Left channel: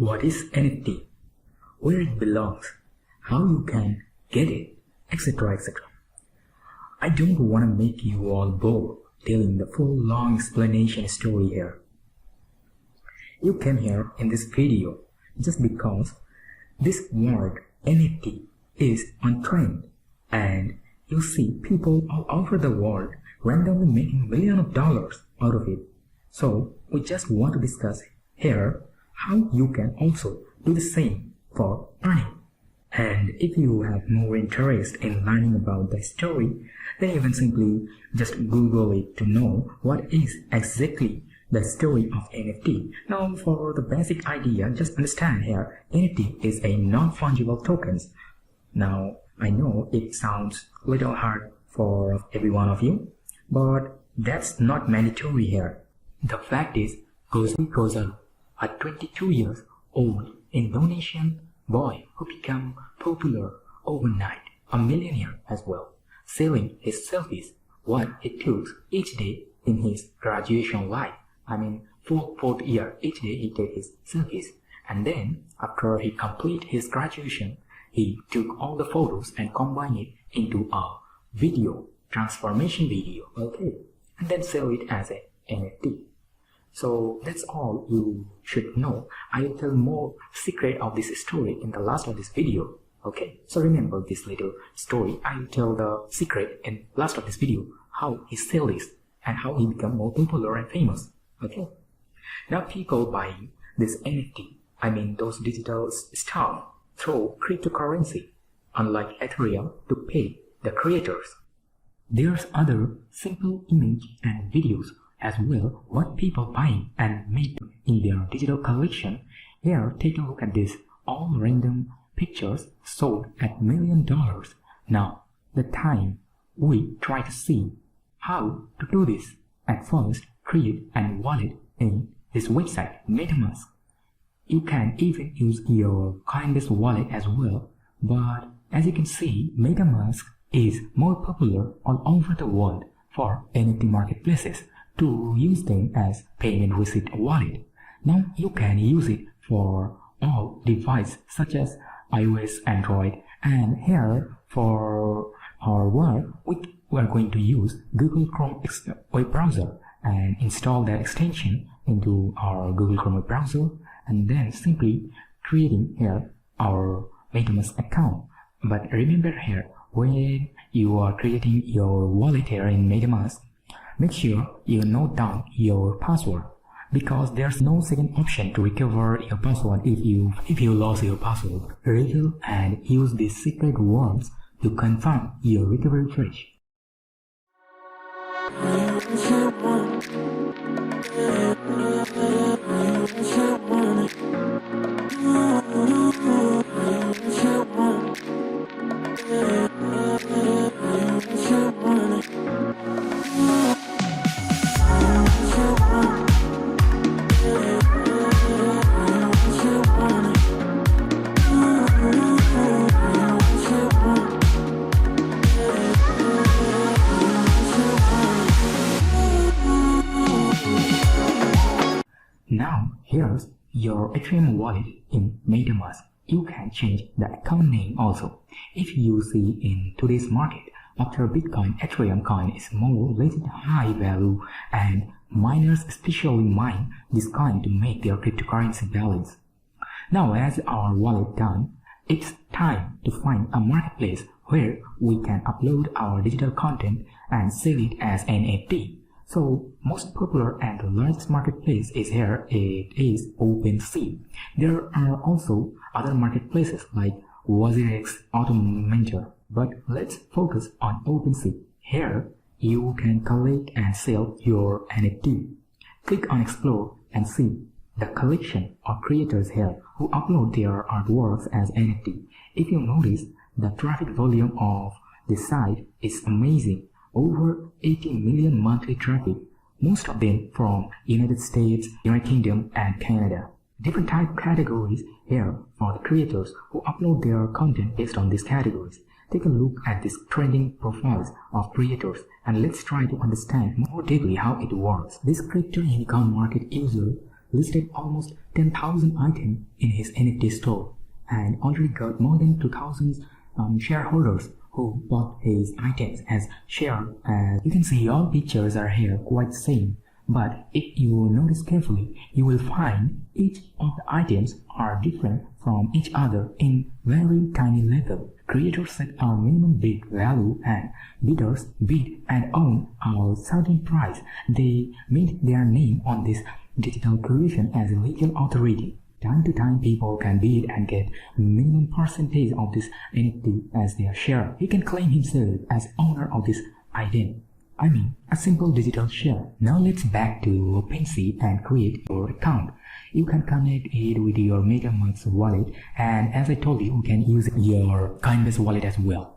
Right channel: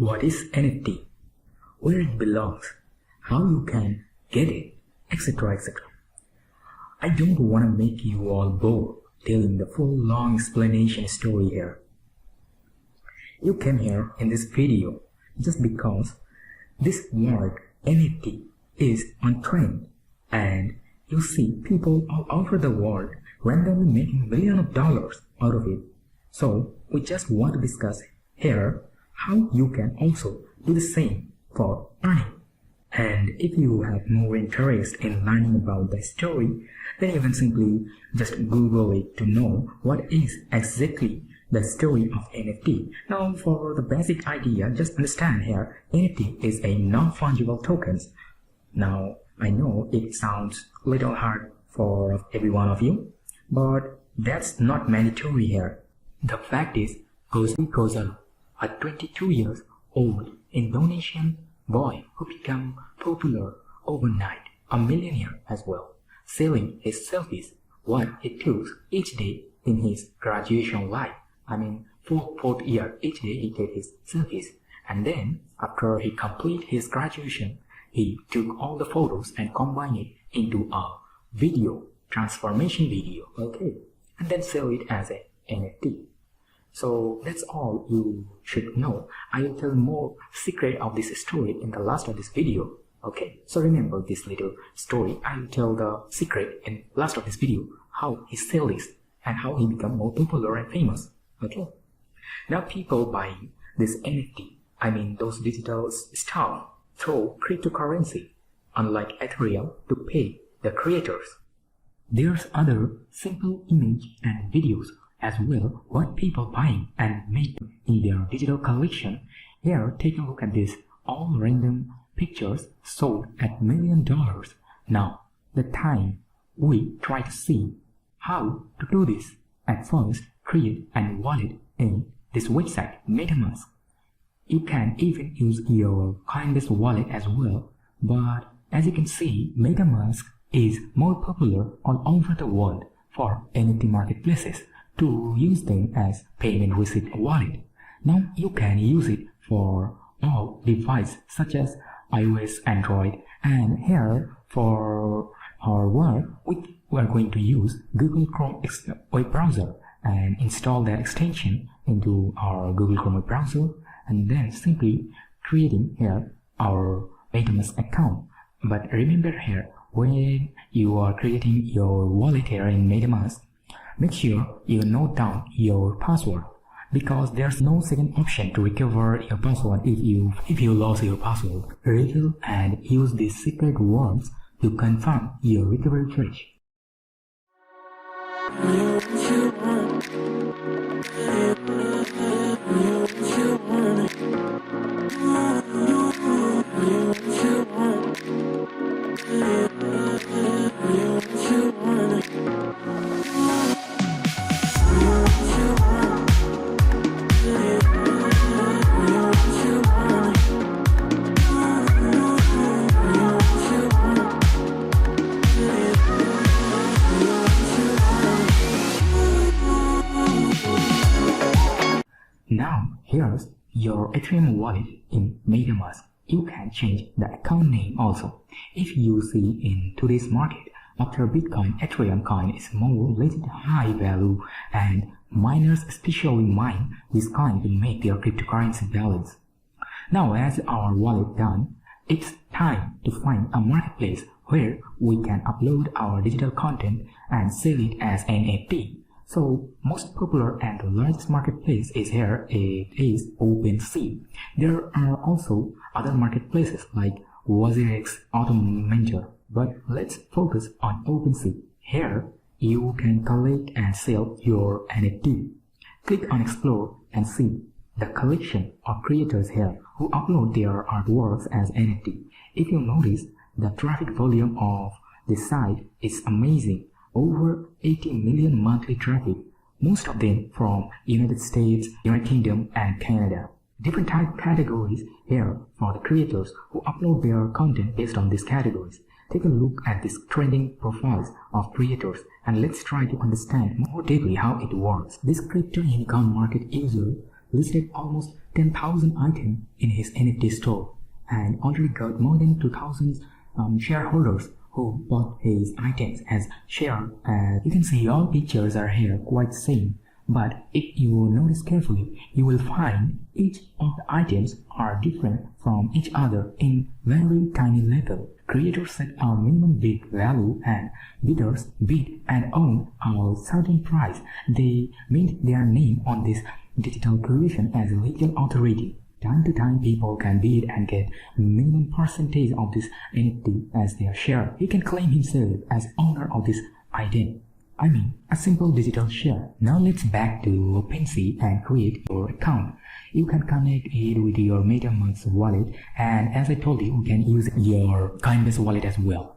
what is NFT, where it belongs, how you can get it, etc. etc. I don't want to make you all bored telling the full long explanation story here. You came here in this video just because this word NFT is on trend, and you see people all over the world randomly making millions of dollars out of it. So we just want to discuss here how you can also do the same for earning. And if you have more interest in learning about the story, then you can simply just Google it to know what is exactly the story of NFT. Now, for the basic idea, just understand here, NFT is a non-fungible tokens. Now, I know it sounds a little hard for every one of you, but that's not mandatory here. The fact is, goes a 22 years old Indonesian boy who became popular overnight, a millionaire as well, selling his selfies, what he took each day in his graduation life. I mean, fourth year, each day he took his selfies. And then, after he completed his graduation, he took all the photos and combined it into a video, transformation video, okay? And then sell it as an NFT. So that's all you should know. I will tell more secret of this story in the last of this video. Okay, so remember this little story. I will tell the secret in last of this video, how he sell this and how he become more popular and famous. Okay, now people buying this NFT, I mean those digital stuff, through cryptocurrency, unlike Ethereum, to pay the creators. There's other simple image and videos as well, what people buying and make in their digital collection. Here, take a look at this, all random pictures sold at $1 million. Now, the time we try to see how to do this. At first, create and wallet in this website, MetaMask. You can even use your Coinbase wallet as well, but as you can see, MetaMask is more popular all over the world for NFT marketplaces to use them as payment receipt wallet. Now you can use it for all devices such as iOS, Android, and here for our wallet we are going to use Google Chrome web browser and install that extension into our Google Chrome web browser, and then simply creating here our MetaMask account. But remember here, when you are creating your wallet here in MetaMask, make sure you note down your password, because there's no second option to recover your password if you lost your password. Reveal and use these secret words to confirm your recovery page. Now, here's your Ethereum wallet in MetaMask. You can change the account name also. If you see in today's market, after Bitcoin, Ethereum coin is more related to high value, and miners especially mine this coin to make their cryptocurrency balance. Now, as our wallet done, it's time to find a marketplace where we can upload our digital content and sell it as NFT. So, most popular and the largest marketplace is here, it is OpenSea. There are also other marketplaces like WazirX, Automentor, but let's focus on OpenSea. Here, you can collect and sell your NFT. Click on Explore and see the collection of creators here who upload their artworks as NFT. If you notice, the traffic volume of the site is amazing. Over 80 million monthly traffic, most of them from United States, United Kingdom, and Canada. Different type categories here for the creators who upload their content based on these categories. Take a look at these trending profiles of creators and let's try to understand more deeply how it works. This crypto income market user listed almost 10,000 items in his NFT store and already got more than 2,000 shareholders who bought his items as share. As you can see, all pictures are here quite same, but if you notice carefully, you will find each of the items are different from each other in very tiny level. Creators set a minimum bid value and bidders bid and own a certain price. They mint their name on this digital creation as a legal authority. Time to time, people can bid and get minimum percentage of this NFT as their share. He can claim himself as owner of this item. I mean, a simple digital share. Now let's back to OpenSea and create your account. You can connect it with your MetaMask wallet, and as I told you, you can use your Coinbase wallet as well.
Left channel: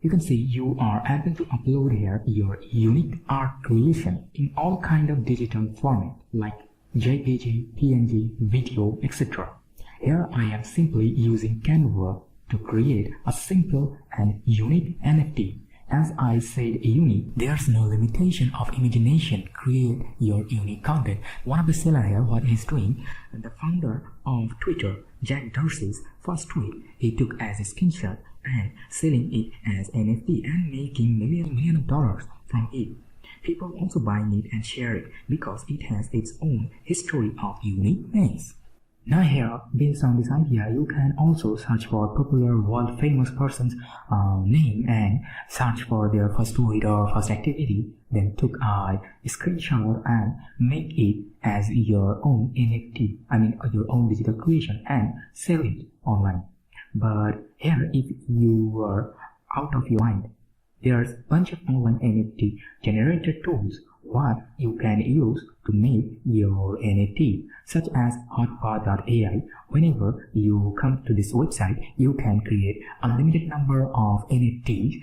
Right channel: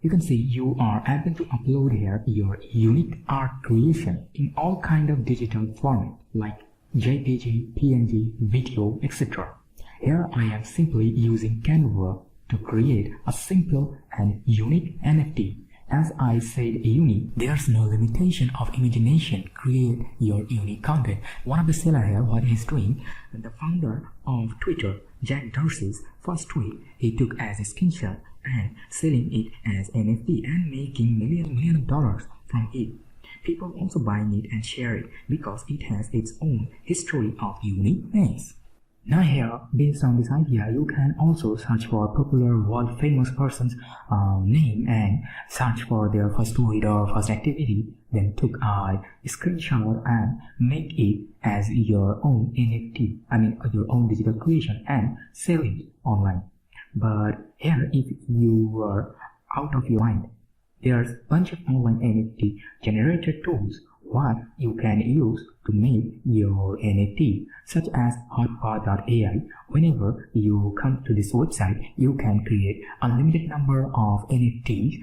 You can see you are able to upload here your unique art creation in all kind of digital format like JPG, PNG, video, etc. Here I am simply using Canva to create a simple and unique NFT. As I said unique, there's no limitation of imagination. Create your unique content. One of the seller here, what he's doing, the founder of Twitter, Jack Dorsey's first tweet, he took as a screenshot and selling it as NFT and making million of dollars from it. People also buying it and share it because it has its own history of unique things. Now here, based on this idea, you can also search for popular world famous person's name and search for their first tweet or first activity, then took a screenshot and make it as your own NFT, your own digital creation and sell it online. But here, if you are out of your mind, there's a bunch of online NFT generator tools what you can use to make your NFT, such as hotpot.ai. Whenever you come to this website, you can create unlimited number of NFTs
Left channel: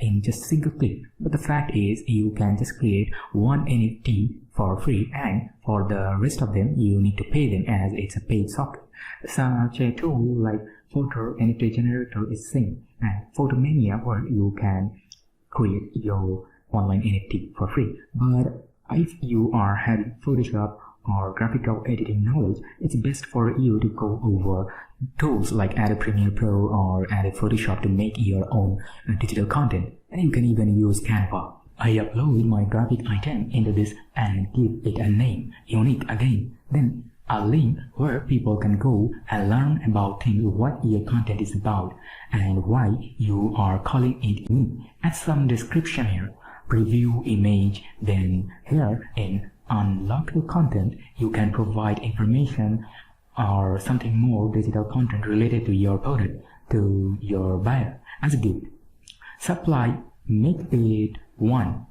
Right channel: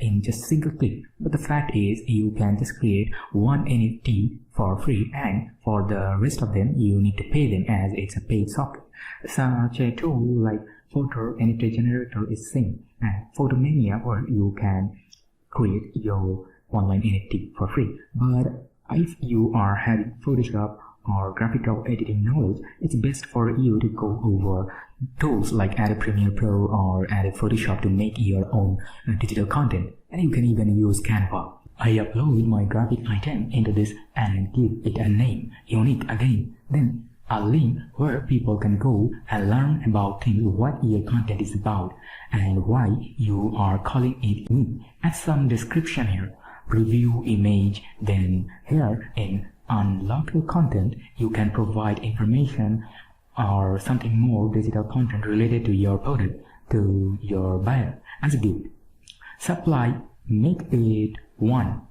in just single click. But the fact is, you can just create one NFT for free, and for the rest of them, you need to pay them as it's a paid software. Such a tool like Photo NFT Generator is same, and Photomania, where you can create your online NFT for free. But if you are having Photoshop or graphical editing knowledge, it's best for you to go over tools like Adobe Premiere Pro or Adobe Photoshop to make your own digital content. And you can even use Canva. I upload my graphic item into this and give it a name, unique again, then a link where people can go and learn about what your content is about and why you are calling it unique. Add some description here, preview image, then here in unlockable content you can provide information or something more digital content related to your product to your buyer as a gift. Supply, make it 1,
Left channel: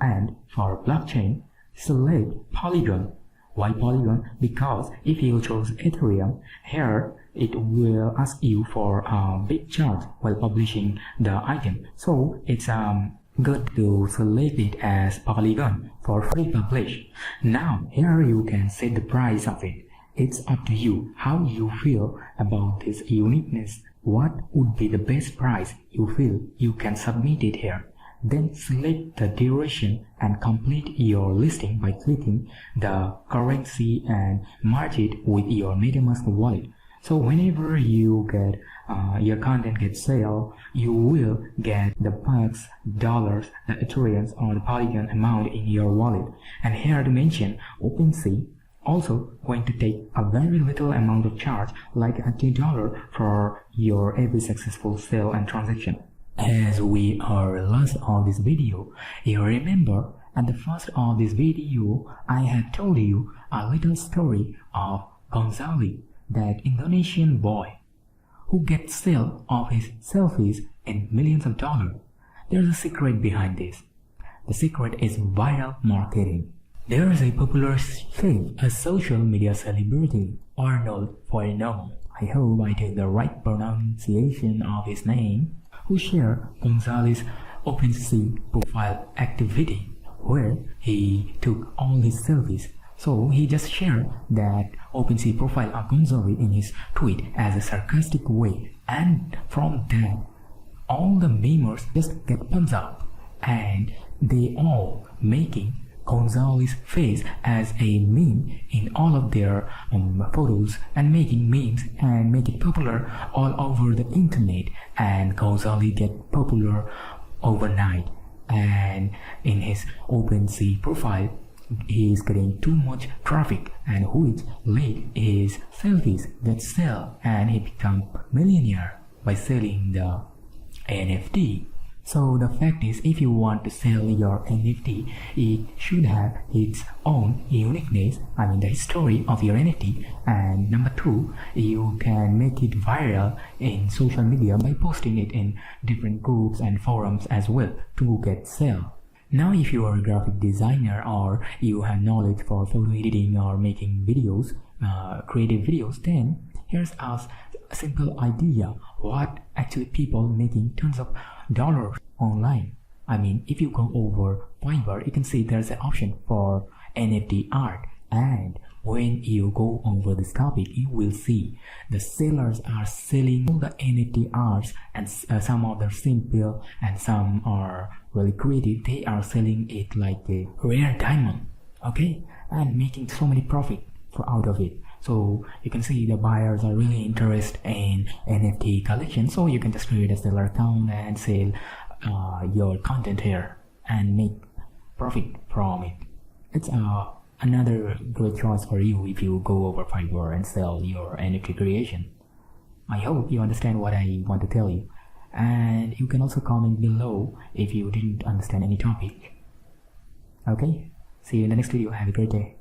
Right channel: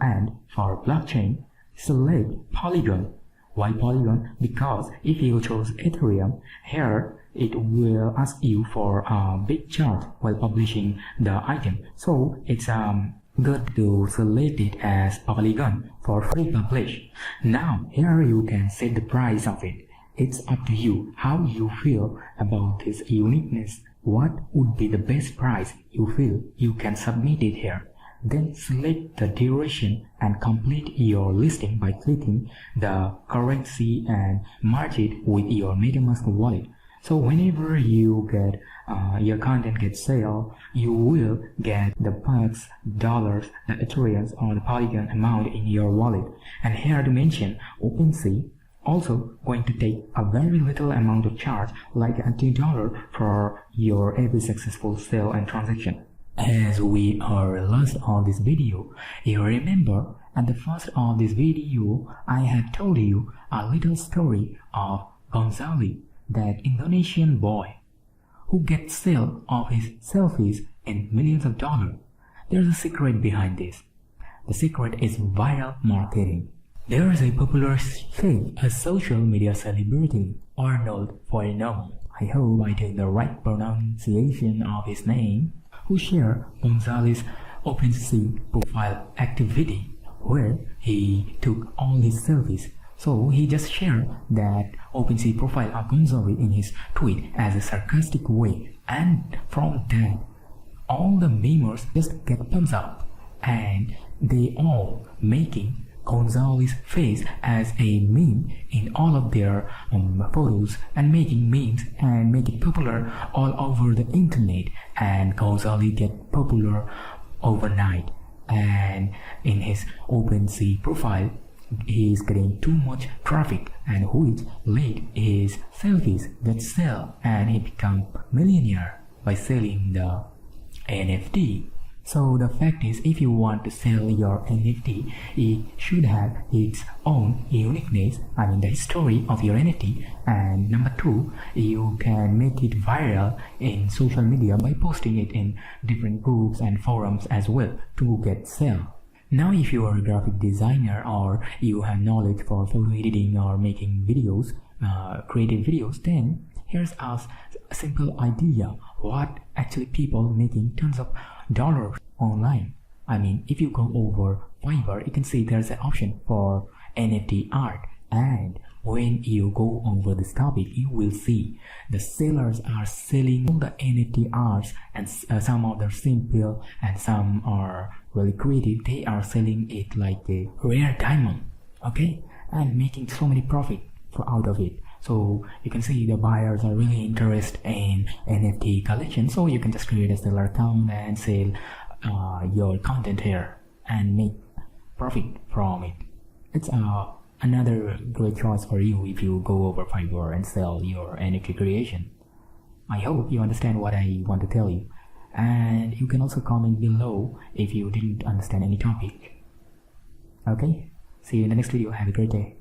and for blockchain select Polygon. Why Polygon? Because if you chose Ethereum, here it will ask you for a big charge while publishing the item. So it's good to select it as Polygon for free publish. Now here you can set the price of it. It's up to you how you feel about this uniqueness. What would be the best price you feel? You can submit it here. Then select the duration and complete your listing by clicking the currency and merge it with your MetaMask wallet. So whenever you get your content gets sale, you will get the bucks, dollars, the Ethereum or the Polygon amount in your wallet. And here to mention, OpenSea also going to take a very little amount of charge, like $2 for your every successful sale and transaction. As we are last on this video, you remember at the first of this video I had told you a little story of Gonzali, that Indonesian boy who gets sale of his selfies in millions of dollars. There's a secret behind this. The secret is viral marketing. There is a popular chef, a social media celebrity, Arnold Vollmer, I hope I did the right pronunciation of his name, who shared Gonzali's OpenSea profile activity, where he took all his selfies. So he just shared that OpenSea profile of Gonzali in his tweet as a sarcastic way, and from that, all the memers just get thumbs up, and they all making Gonzali's face as a meme in all of their photos, and making memes and make it popular all over the internet, and Gonzali get popular overnight. And in his OpenSea profile, he is getting too much traffic, and which made his selfies get sell, and he become millionaire by selling the NFT. So the fact is, if you want to sell your NFT, it should have its own uniqueness, I mean the story of your NFT. And number two, you can make it viral in social media by posting it in different groups and forums as well to get sale. Now if you are a graphic designer or you have knowledge for photo editing or making videos, creative videos, then here's a simple idea what actually people making tons of dollars online. I mean, if you go over Fiverr, you can see there's an option for NFT art, and when you go over this topic, you will see the sellers are selling the NFT arts, and some of them simple and some are really creative. They are selling it like a rare diamond, okay, and making so many profit out of it. So you can see the buyers are really interested in NFT collection, so you can just create a seller account and sell your content here and make profit from it. It's another great choice for you if you go over Fiverr and sell your NFT creation. I hope you understand what I want to tell you, and you can also comment below if you didn't understand any topic. Okay, see you in the next video. Have a great day.